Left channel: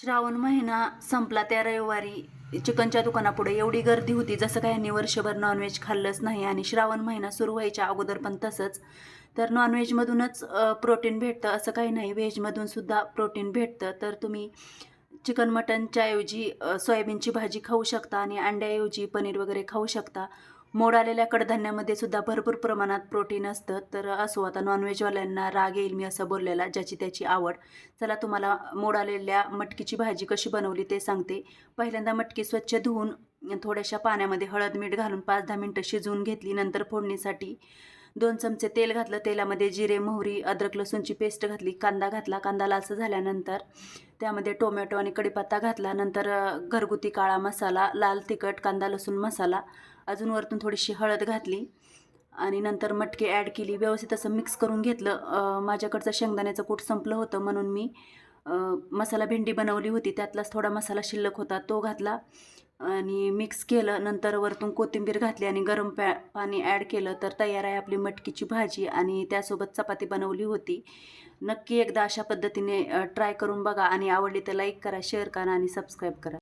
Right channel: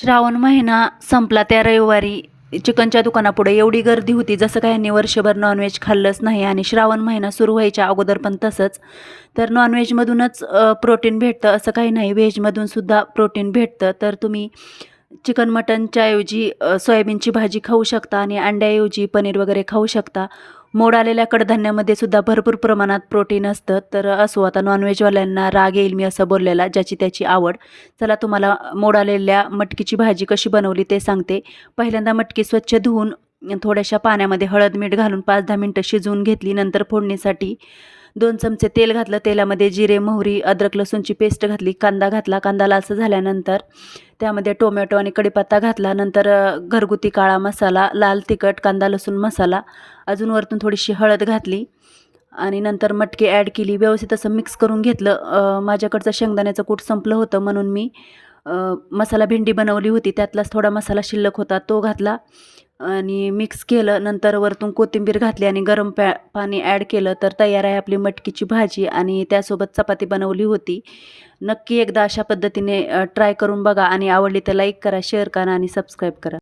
श्रावण महिना संपला त्या रविवारी चिकनच्या दुकानापुढे एवढी गर्दी होती, जसं काय यांनी वर्षभर नॉनव्हेज खाल्लंच नाही. आणि श्रावण महिना सुरू व्हायच्या अगोदर पण तसंच. तर नॉनव्हेजमधूनच प्रोटीन भेटतं असं काही नाही, व्हेजमधूनसुद्धा प्रोटीन भेटतं. तर तुम्ही चिकन मटनच्या ऐवजी सोयाबीनची भाजी खाऊ शकता आणि अंड्याऐवजी पनीर वगैरे खाऊ शकता. मोड आलेल्या कडधान्यामध्ये सुद्धा भरपूर प्रमाणात प्रोटीन असतं. तर असो, आता नॉनव्हेजवाल्यांना राग येईल मी असं बोललेला, ज्याची त्याची आवड. चला तुम्हाला मोड आलेल्या मटकीची भाजी कशी बनवली ते सांगते. पहिल्यांदा मटकी स्वच्छ धुवून थोड्याशा पाण्यामध्ये हळद मीठ घालून 5-10 मिनटं शिजवून घेतली. नंतर फोडणीसाठी 2 चमचे तेल घातलं. तेलामध्ये जिरे, मोहरी, अद्रक लसूणची पेस्ट घातली. कांदा घातला. कांदा लालसर झाल्यानंतर त्यामध्ये टोमॅटो आणि कढीपत्ता घातला. नंतर घरगुती काळा मसाला, लाल तिखट, कांदा लसूण मसाला, अजून वरतून थोडीशी हळद घातली आणि नंतर मटकी ॲड केली. व्यवस्थित असं मिक्स करून घेतलं. माझ्याकडचं शेंगदाण्याचं कूट संपलं होतं म्हणून मी मसाला भेंडी बनवली होती, त्यातलाच थोडा मसाला शिल्लक होता तो घातला आणि मिक्स केलं. नंतर वरतून कोथिंबीर घातली आणि गरम पाणी ॲड केलं. तर तयार आहे आपली मटकीची भाजी आणि त्यासोबत चपाती बनवली होती. नक्की एकदा अशा पद्धतीने ट्राय करून बघा आणि आवडली तर लाईक करा, शेअर करा आणि सबस्क्राईब करा.